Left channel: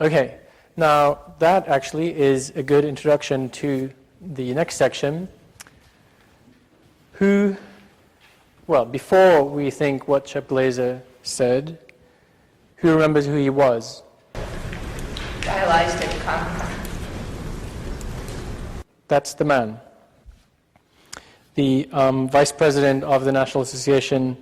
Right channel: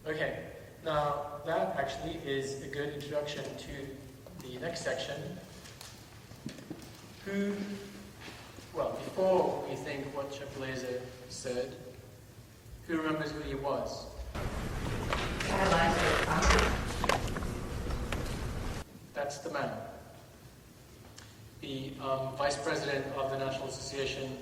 Okay, now that actually is a good introduction to the next section. Well, before we think what Shepglazer said, who remembers who he was? Dialyzed constantly. That's the man. The vice president of the National Association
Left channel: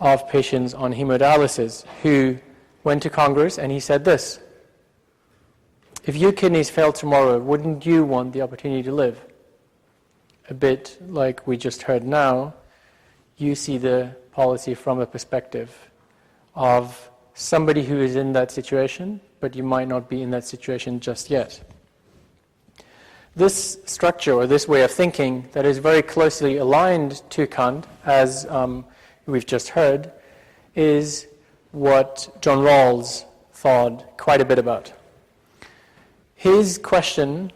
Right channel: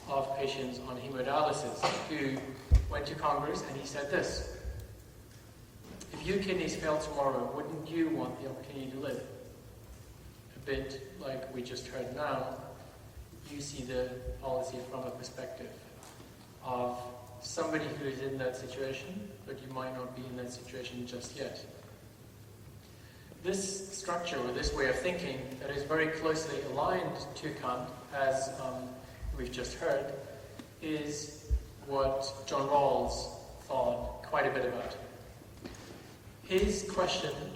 of Patients on Hemodialysis, who went to Congress and he said this: if your kidneys fail tomorrow, wouldn't you want the opportunity to live? A bit like we just heard now, you see the policy from a perspective of somebody who is in that situation, but you might not be in that situation just yet. This structure, or this way of thinking, that is very closely aligned to Kant, as we've just heard, is what John Rawls thought quite a bit about. His question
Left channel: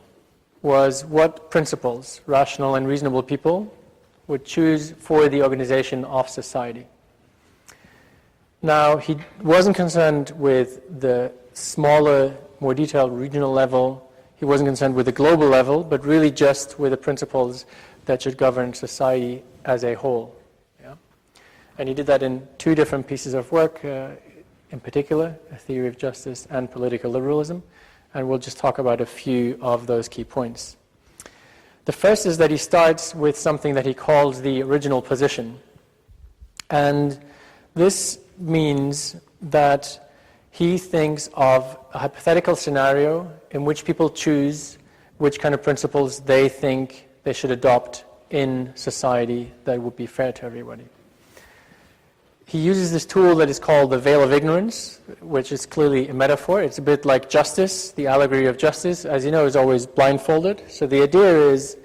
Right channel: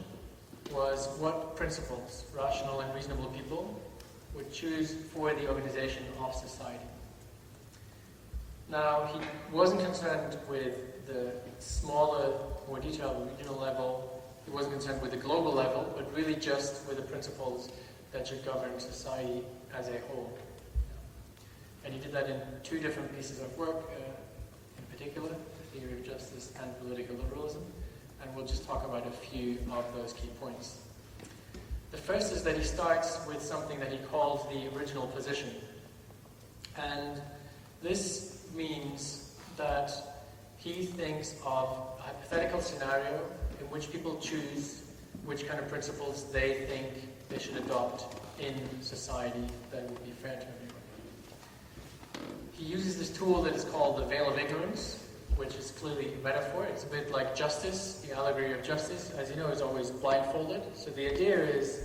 was what principles rational and reasonable people would choose for the organization of society. Now, he wasn't concerned with the smaller, more detailed regional level. He wasn't concerned with the global level, but really just with the principles that should govern society as a whole. Yeah? And he did that in two different pieces of work, in particular, A Theory of Justice and Political Liberalism. And we'll just talk about a few of those key points. The first is that he starts with something that he calls the original position. And this means that he thinks of a hypothetical scenario in which people choose which kind of principles they think they should adopt in society that would be fair to everybody. He uses this tool that is called the veil of ignorance, which is clearly a metaphor. It's a bit like justice. The allegory of justice, as you know, is always blindfolded. So the idea is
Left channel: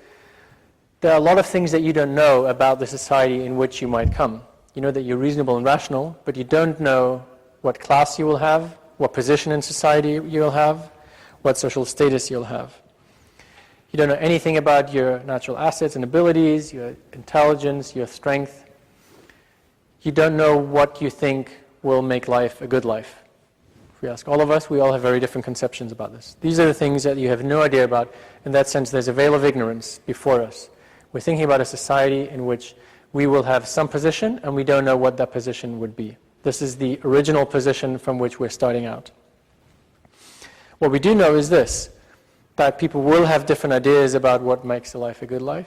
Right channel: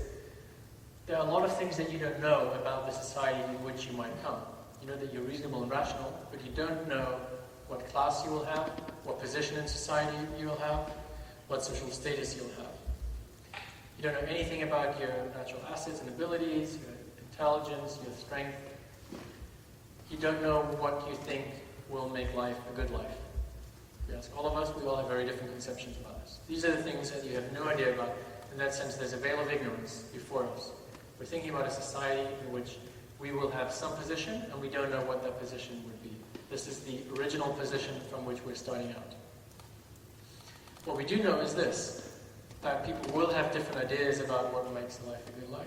there are a lot of things that you don't know about the society in which you might come. You know that you're reasonable and rational, but you don't know what class you will have, what position in society you'll have, what social status you'll have. You don't know anything about your natural assets and abilities, your intelligence, your strength. You don't know what you think will make life a good life. If we ask all of us, we all have very different conceptions about this. These are the things that you have no idea about. In that sense, there's a veil of ignorance before us. We're thinking about a society in which we will have some position, and we don't know what that position would be. This is the original position from which we're starting out. What we do know is this, that people will have different ideas about what makes a life a good life,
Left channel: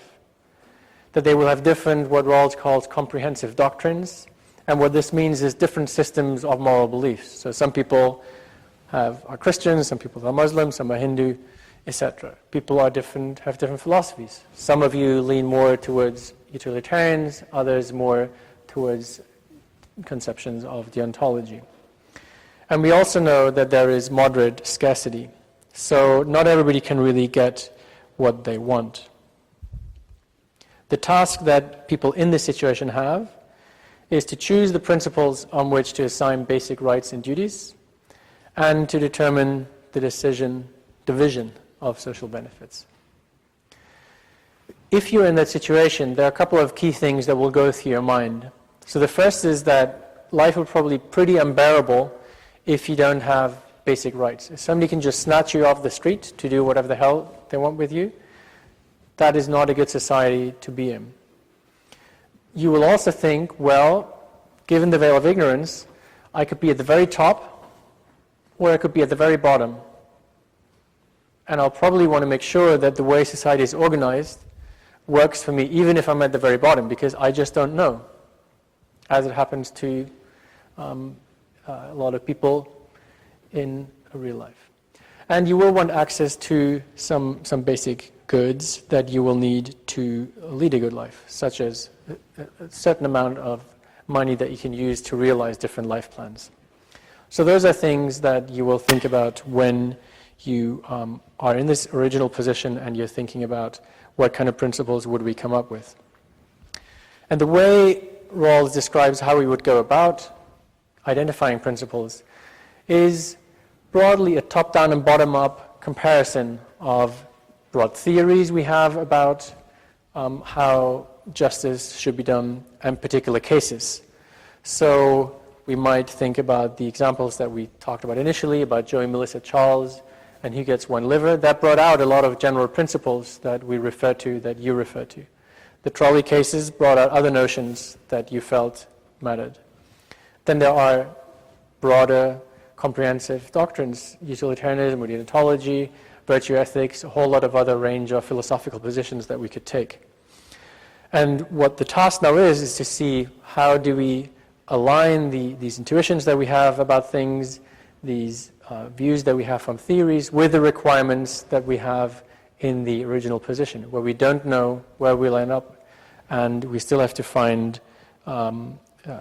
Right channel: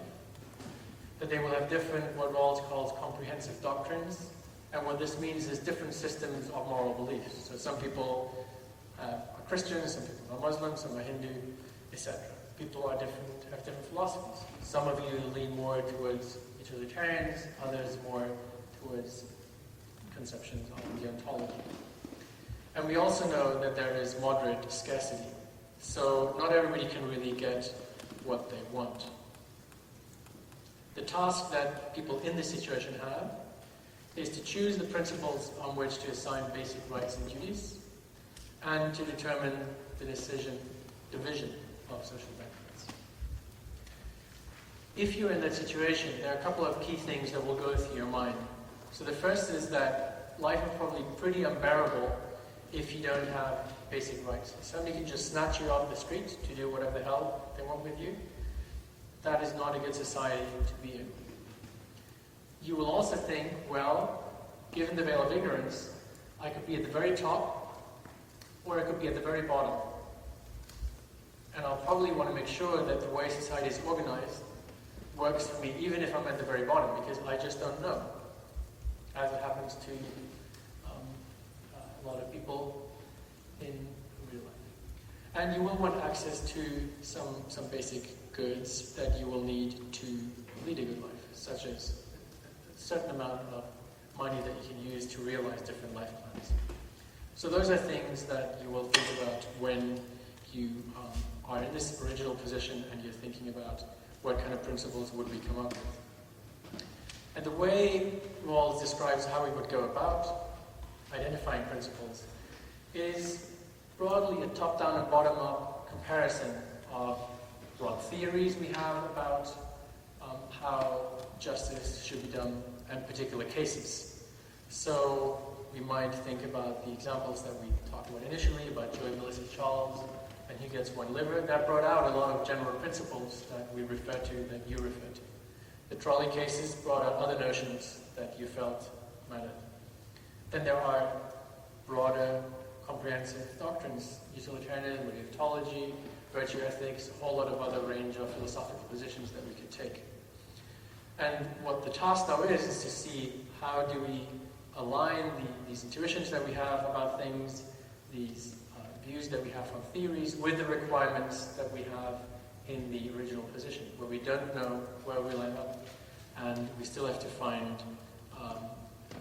that they will have different, what Rawls calls comprehensive doctrines, and what this means is different systems of moral beliefs. So some people are Christians, some people are Muslims, some are Hindu, etc. People have different philosophies. Some of you lean more towards utilitarians, others more towards conceptions of deontology. And we also know that there is moderate scarcity. So not everybody can really get what they want. The task that people in this situation have is to choose the principles on which to assign basic rights and duties and to determine the division of social benefits. If you're in that situation, there are a couple of key things that will go through your mind. So the first is that life will probably be pretty unbearable if you don't have basic rights. If somebody can just snatch you off the street to do whatever the hell they want with you, that is not a good society to be in. You will also think, well, given the veil of ignorance, I could be at the very top or I could be at the very bottom. And I'll probably want to make sure that the way society is organized works for me, even if I'm at the very bottom, because I just don't know, as it happens to a lot of people in real life. And you will want access to some basic goods that you will need to lead a good life, such as a certain amount of money that you can use to realize different life plans. So those are things that you will think about when you are in this original position and you're thinking about what kind of principles would we come up with. And the way Rawls describes how we would go about identifying principles is broadly a top-down and bottom-up comparison of broad theories we have about how justice should be done in particular cases. So we might think about the examples that we talked about initially, about Joey, Melissa, Charles, and who gets one liver. That brought out a lot of general principles that we refer to, that you refer to. The trolley cases brought out other notions that you felt mattered. Then there are broader, comprehensive doctrines, utilitarianism, deontology, virtue ethics, a whole lot of other range of philosophical positions that we could take. And what the task now is to see how do we align these intuitions that we have about things, these views that we have from theories, with the requirements that we have in the original position, where we don't know where we'll end up, and we still have to find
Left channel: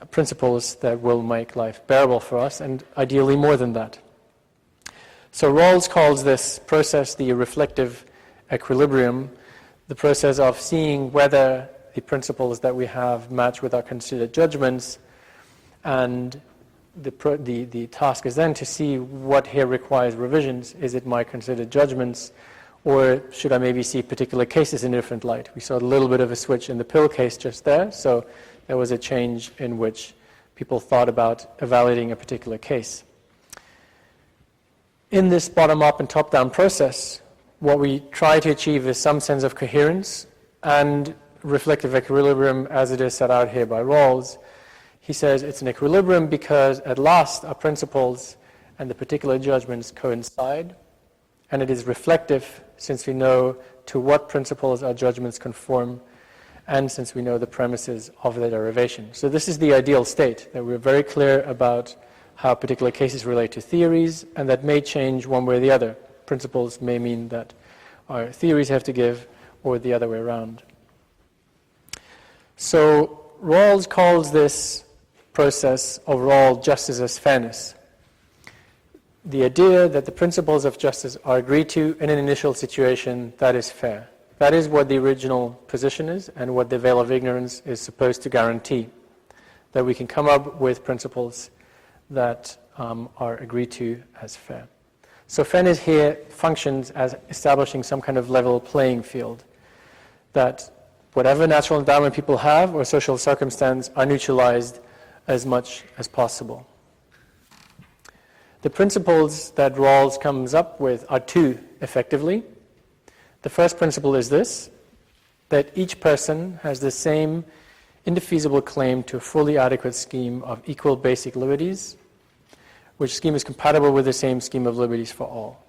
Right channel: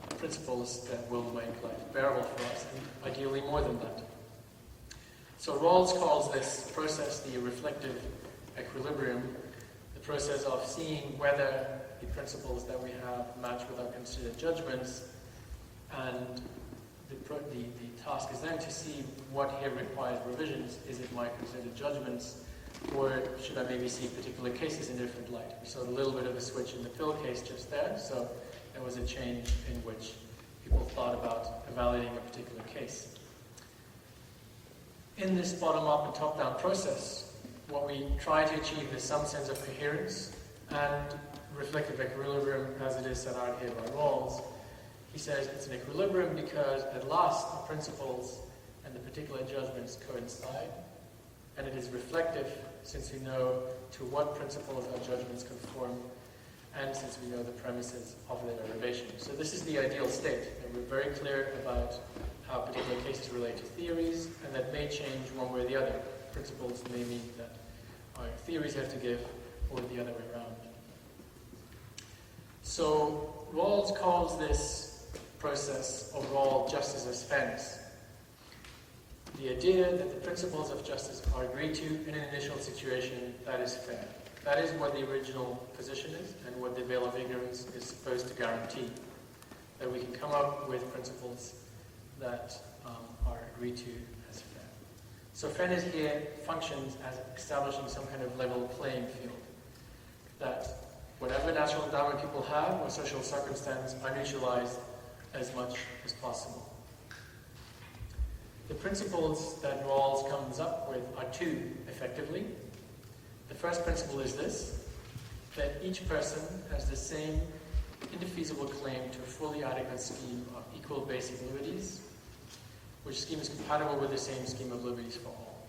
principles that will make life bearable for us, and ideally more than that. So Rawls calls this process the reflective equilibrium, the process of seeing whether the principles that we have match with our considered judgments, and the task is then to see what here requires revisions. Is it my considered judgments, or should I maybe see particular cases in a different light? We saw a little bit of a switch in the pill case just there, so there was a change in which people thought about evaluating a particular case. In this bottom-up and top-down process, what we try to achieve is some sense of coherence and reflective equilibrium as it is set out here by Rawls. He says it's an equilibrium because at last our principles and the particular judgments coincide, and it is reflective since we know to what principles our judgments conform, and since we know the premises of their derivation. So this is the ideal state, that we're very clear about how particular cases relate to theories, and that may change one way or the other. Principles may mean that our theories have to give, or the other way around. So Rawls calls this process overall justice as fairness. The idea that the principles of justice are agreed to in an initial situation that is fair. That is what the original position is, and what the veil of ignorance is supposed to guarantee, that we can come up with principles that are agreed to as fair. So fairness here functions as establishing some kind of level playing field, that whatever natural endowment people have or social circumstance are neutralized as much as possible. The principles that Rawls comes up with are two, effectively. The first principle is this, that each person has the same indefeasible claim to a fully adequate scheme of equal basic liberties, which scheme is compatible with the same scheme of liberties for all.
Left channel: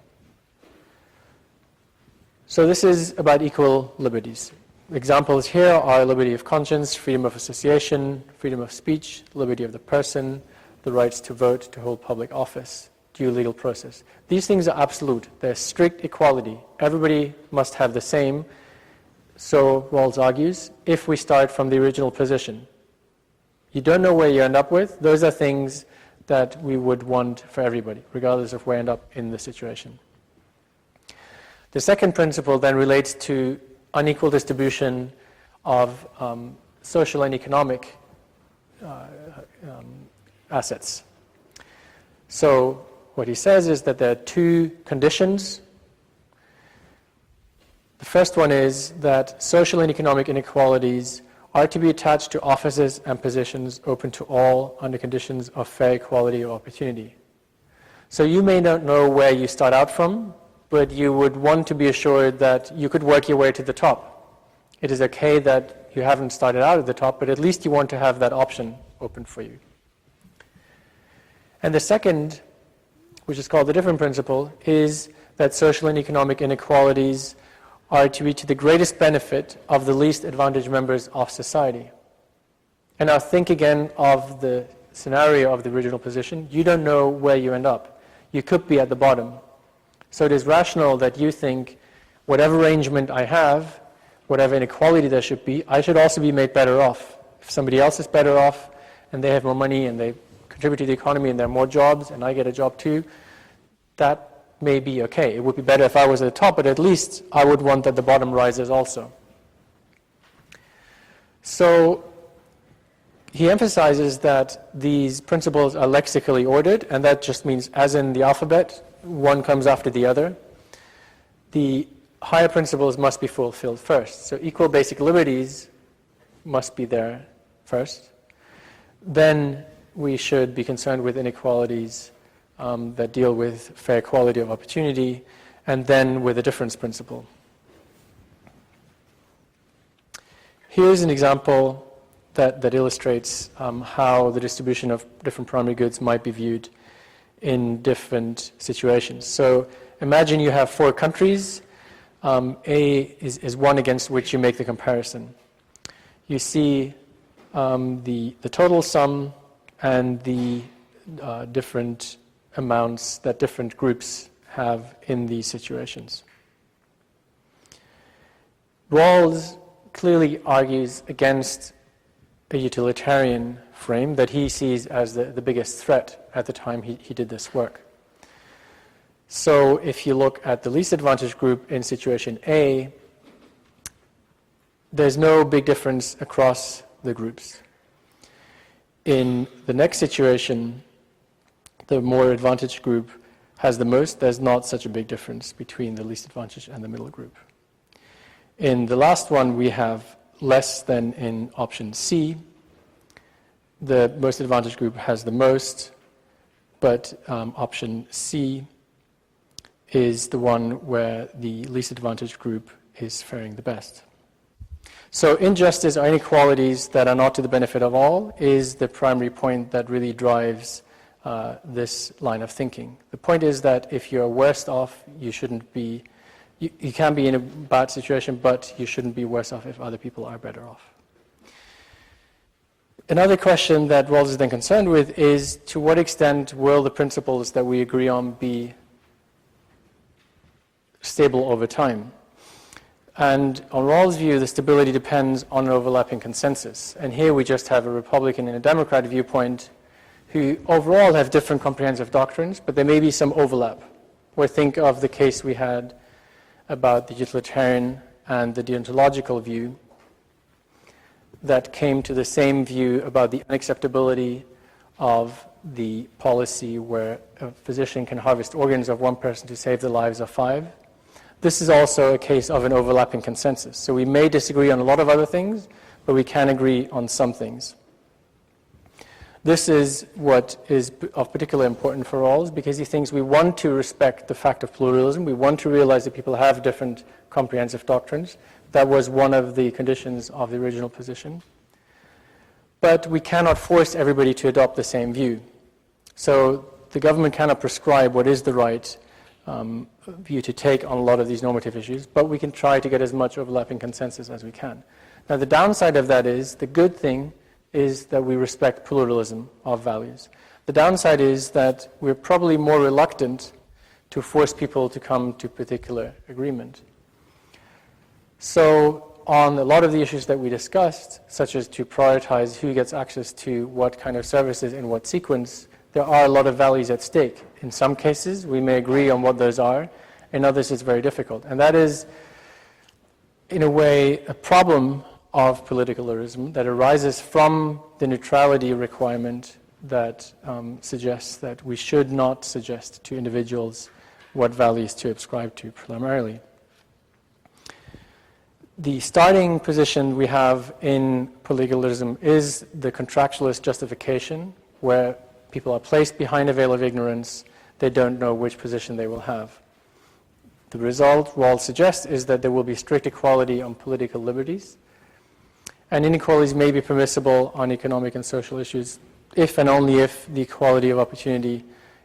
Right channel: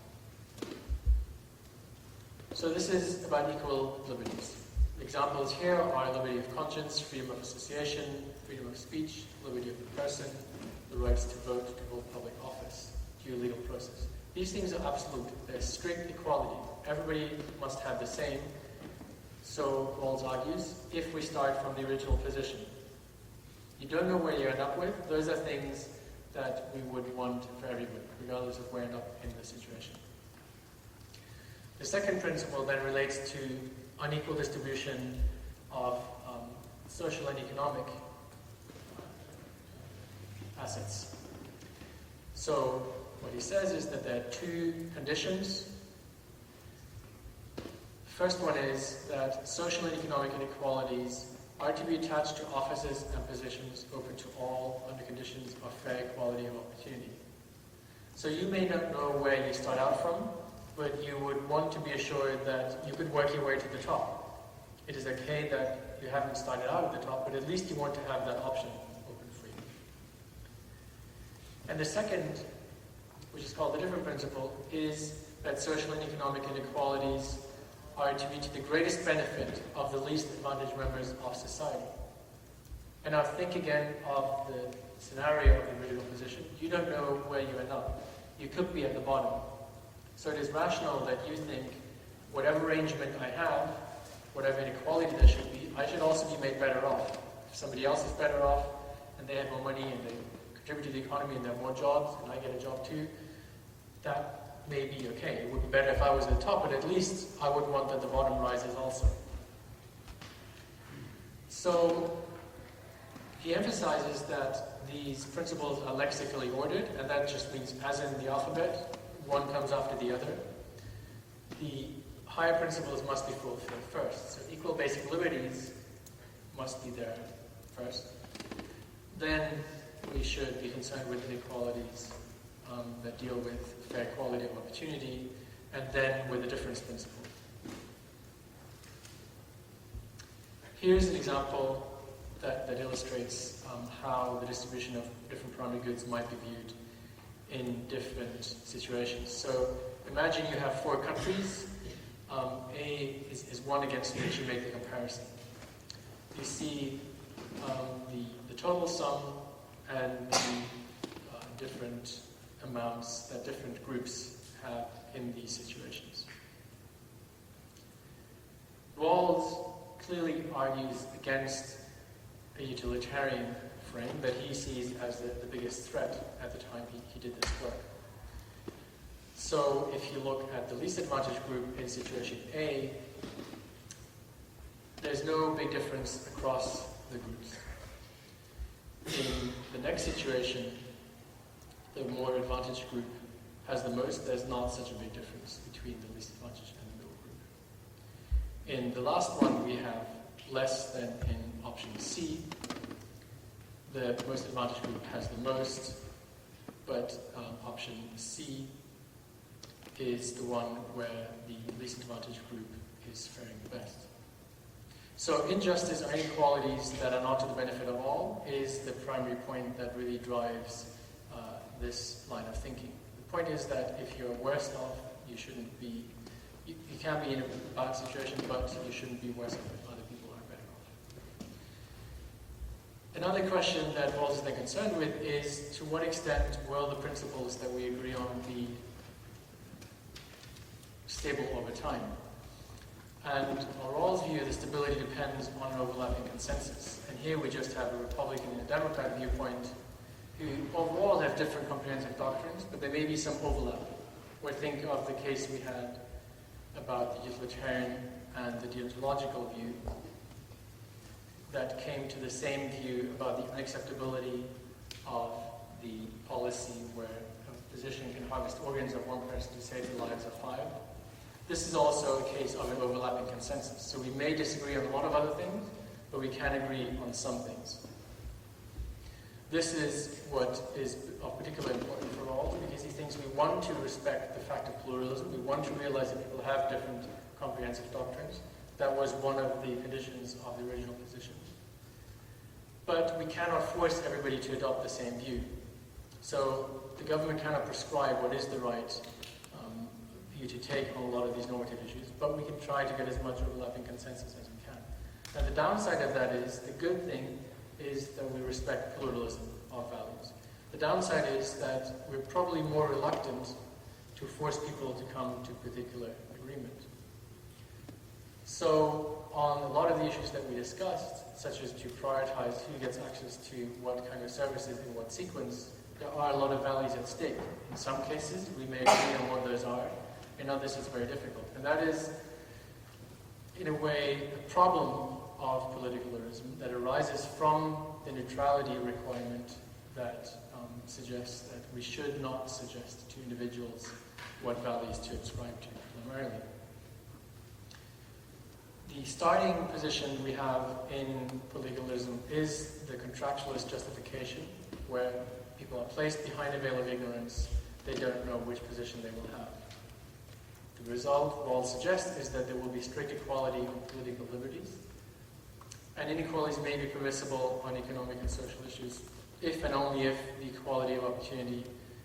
So this is about equal liberties. Examples here are liberty of conscience, freedom of association, freedom of speech, liberty of the person, the rights to vote, to hold public office, due legal process. These things are absolute. They're strict equality. Everybody must have the same, so Rawls argues, if we start from the original position. You don't know where you end up with. Those are things that we would want for everybody, regardless of where we end up in the situation. The second principle then relates to unequal distribution of social and economic assets. So what he says is that there are two conditions. The first one is that social and economic inequalities are to be attached to offices and positions open to all under conditions of fair equality of opportunity. So you may not know where you start out from, but you would want to be assured that you could work your way to the top. It is okay that you haven't started out at the top, but at least you want to have that option open for you. And the second, which is called the different principle, is that social and economic inequalities are to be to the greatest benefit of the least advantaged members of society. And now think again of the scenario of the original position. You don't know where you end up. You could be at the bottom. So it is rational that you think, whatever arrangement I have, whatever inequality there should be, I should also be made better off. If somebody else is better off, and they have more money, and they contribute to the economy, and there are more jobs, and I get a job too, that may be okay. It would be better if I was at the top, but at least I would want that the bottom rises also. So he emphasizes that these principles are lexically ordered, and that just means, as in the alphabet, one comes after the other. The higher principles must be fulfilled first. So equal basic liberties must be there first. Then we should be concerned with inequalities that deal with fair equality of opportunity, and then with the difference principle. Here's an example that illustrates how the distribution of different primary goods might be viewed in different situations. So imagine you have 4 countries. A is one against which you make the comparison. You see the total sum and the different amounts that different groups have in these situations. Rawls clearly argues against a utilitarian frame that he sees as the biggest threat at the time he did this work. So if you look at the least advantaged group in situation A, there's no big difference across the groups. In the next situation, the more advantaged group has the most. There's not such a big difference between the least advantaged and the middle group. In the last one, we have less than in option C. The most advantaged group has the most, but option C is the one where the least advantaged group is faring the best. So injustice or inequalities that are not to the benefit of all is the primary point that really drives this line of thinking. The point is that if you're worst off, you shouldn't be, you can be in a bad situation, but you shouldn't be worse off if other people are better off. Another question that Rawls is then concerned with is, to what extent will the principles that we agree on be stable over time? And on Rawls' view, the stability depends on an overlapping consensus. And here we just have a Republican and a Democrat viewpoint who overall have different comprehensive doctrines, but there may be some overlap. Or think of the case we had about the utilitarian and the deontological view that came to the same view about the unacceptability of the policy where a physician can harvest organs of one person to save the lives of 5. This is also a case of an overlapping consensus. So we may disagree on a lot of other things, but we can agree on some things. This is what is of particular importance for Rawls, because he thinks we want to respect the fact of pluralism. We want to realize that people have different comprehensive doctrines. That was one of the conditions of the original position. But we cannot force everybody to adopt the same view. So the government cannot prescribe what is the right view to take on a lot of these normative issues, but we can try to get as much overlapping consensus as we can. Now, the downside of that is, the good thing is that we respect pluralism of values. The downside is that we're probably more reluctant to force people to come to particular agreement. So on a lot of the issues that we discussed, such as to prioritize who gets access to what kind of services in what sequence, there are a lot of values at stake. In some cases, we may agree on what those are. In others, it's very difficult. And that is, in a way, a problem of politicalism that arises from the neutrality requirement that suggests that we should not suggest to individuals what values to ascribe to primarily. The starting position we have in politicalism is the contractualist justification, where people are placed behind a veil of ignorance. They don't know which position they will have. The result, Rawls suggests, is that there will be strict equality on political liberties, and inequalities may be permissible on economic and social issues if and only if the equality of opportunity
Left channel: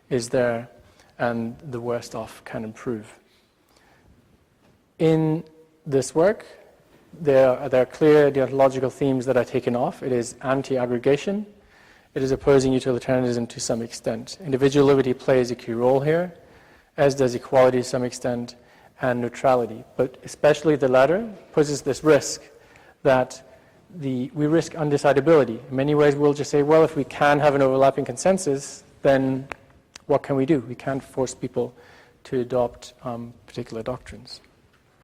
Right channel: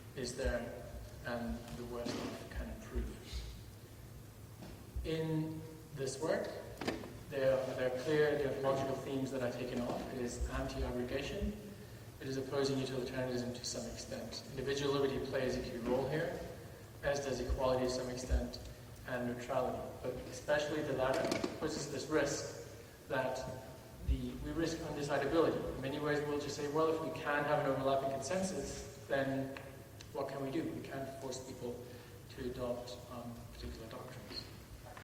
is there and the worst off can improve. In this work, there are clear deontological themes that are taken off. It is anti-aggregation. It is opposing utilitarianism to some extent. Individual liberty plays a key role here, as does equality to some extent, and neutrality. But especially the latter poses this risk that we risk undecidability. In many ways, we'll just say, well, if we can have an overlapping consensus, then what can we do? We can't force people to adopt particular doctrines.